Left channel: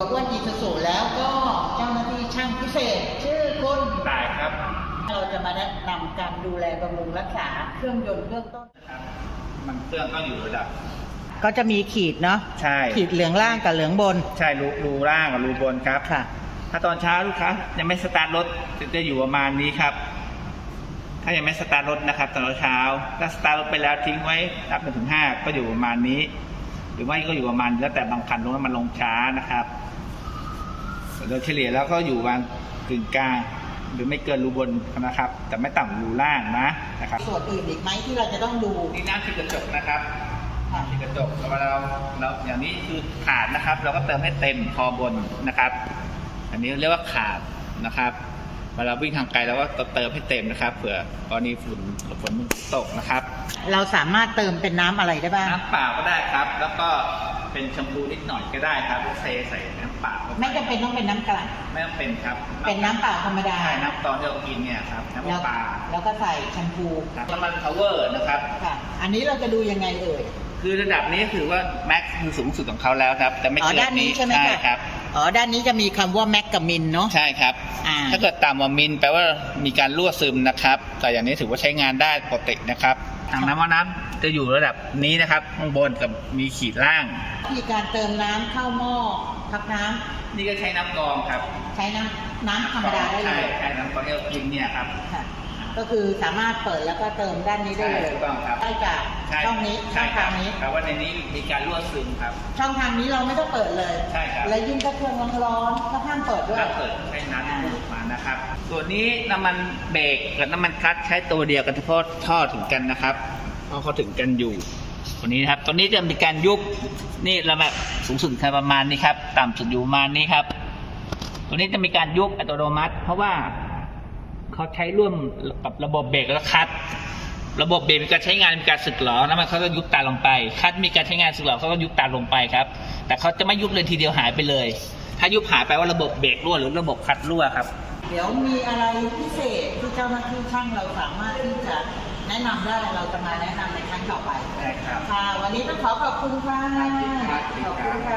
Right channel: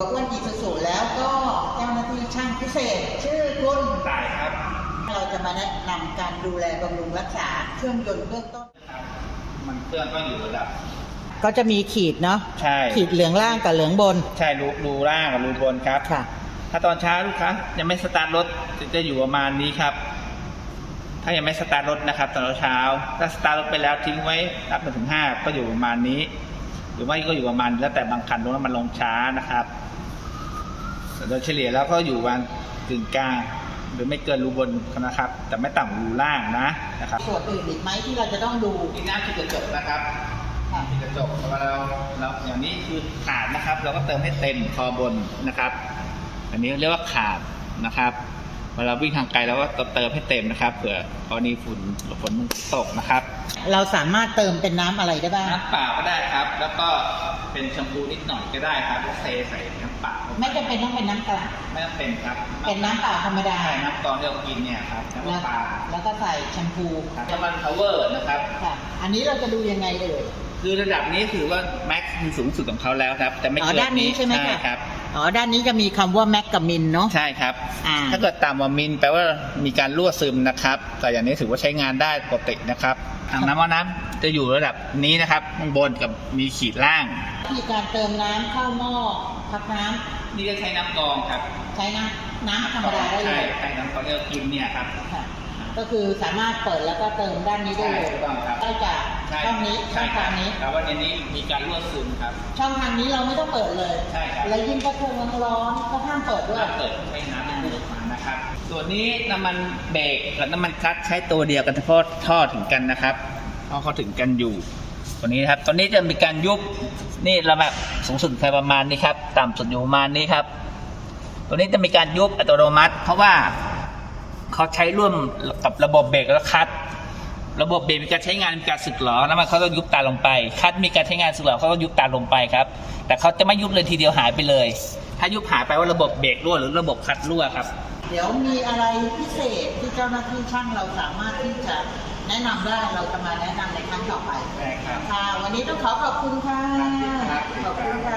อ้วนอีสุสุแล้วก็เจ้าหน้าที่ช่างพิเศษ ชื่อคุณตายครับ เราจะมาแนะนำการดูแลบำรุงรักษาเครื่องยนต์เบื้องต้นนะครับ มันเครื่องต้องอยู่ระดับ ก็จะมีขีดเนาะใช่ ขีดเหลืองล่างกับเหลืองบน ใช่รูรูล่างกับรูบนครับค่ะ ถ้าตอนเช้าลูกค้ายังไม่สตาร์ทรถจะจะอยู่ประมาณนี้ครับ ถ้ายังไม่สตาร์ทรถนะครับ ตอนเช้าถ้าสตาร์ทรถไปแล้วทิ้งไว้นับไปถึงห้าก็อยู่ประมาณนี้ห รือไม่ก็อยู่ประมาณแล้วแต่บางคันตรงนั้นมันลงช้านะครับแต่โดยเฉลี่ยแล้วก็อยู่วางกึ่งกลางหรือไม่เกินรูบนนะครับ แต่ไม่ต่ำกว่ารูล่างนะนะครับส่วนอื่นอีกไหมที่เราจะต้องดูนี่น้ำที่กระจกนะครับน้ำที่กระจกเวลาเราเราอย่างนี้คือขาดนะครับ เราก็เติมให้เต็มคอบนนะครับ อันนี้เรียกว่าขาดนะครับ เวลาวิ่งทางไกลเราก็เติมให้เต็มนะครับเผื่อกรณีฝุ่นฝนตกนะครับ เราสามารถเติมเป็นน้ำอะไรได้บ้าง น้ำเปล่าก็ได้ครับ แล้วก็เป็นแชมพูนิดหน่อยก็ได้ครับแล้วเทใส่น้ำเปล่าเข้าปไม่จำเป็นต้องเป็นน้ำกลั่นไม่ต้องเป็นครับเป็นน้ำเปล่าธรรมดา ใช่น้ำตอนที่เรากินเนี่ยครับน้ำแล้วปลาแล้วก็ใส่แชมพูครับน้ำมันพาวเวอร์นะครับค่ะ อันนี้เราจะดูยังไงเอ่ยคือระดับนี้ถือว่าแม็กซ์คือสูงสุดของเขาแล้วครับ แต่ไม่อ๋อเกินด้านนี้ใช่ไหมคะครับ อ๋อด้านนี้จะมีคำว่าแมกกับมินเนาะ ใช่ครับ อ่า ถ้าเกิดต่ำกว่ามิลแปลว่ามีการรั่วซึมนะครับ แต่อย่างนี้ถือว่าใช้งานได้ปกตินะครับทางน้ำว่าน้ำจะอยู่ระดับนี้นะครับข้างบนกับมีขีดล่าง วิธีการเติมน้ำเข้าหม้อพักน้ำนี่ก็ใช้น้ำกรองครับใช้น้ำน้ำธรรมดาได้เลใช่ยใช่น้ำกรองที่เรากินเนี่ยครับ ค่ะก็คือสามารถเปิดแล้วก็เติมด้านนี้ได้เลยใช่ถูกต้องครับ ได้จากใช่ช่องนี้ช่ใช่องครัทาบงนี้แปลว่าในนี้มีการรั่วซึมครับ ช่องทางนี้เราไม่ต้องเปิดเลย ใช่ครับ และยิ่งถ้าเครื่องร้อนๆก็ห้ามเปิดด้วย ถ้าเปิดใช้น้ำที่พุ่งออกมานะครับ ส่วนนี้น้ำมันเบรกกับน้ำมันคลัตช์ใช้ตัวเดียวกันเฉพาะท่อถึงกันนะครับเพราะเขาถึงกันอยู่ ตัวนี้นะครับ ตัวนี้จะมีการยุบ นี่ระดับสูงสุดคือประมาณนี้ครับ ต่ำสุดอยู่ประมาณนี้ครับ ตัวนี้จะมีการยุบอัตโนมัติ เพราะว่าเขาใช้ร่วมกับระบบเบรกและคลัตช์ระบบเบรกมีการใช้งานมีการสึกหรอน้ำมันเขาต้องยุบตามลงไปคลัตช์มีการใช้งานสึกหรอเขาก็ยุบตามลงไปครับ แต่เขาจะไม่ยุบเลยทีเดียวหายไปเลย ถ้ายุบหายไปว่าระบบเบรกรั่วหรือระบบคลัตช์รั่วครับ เดี๋ยวมีอะไรพิเศษที่เจ้าหน้าที่ช่างเราสามารถที่จะแนะนำได้เราจะมาแนะนำในครั้งต่อไปได้ครับค่ะวันนี้ต้องขอขอบคุณค่ะครับขอบคุณค่ะ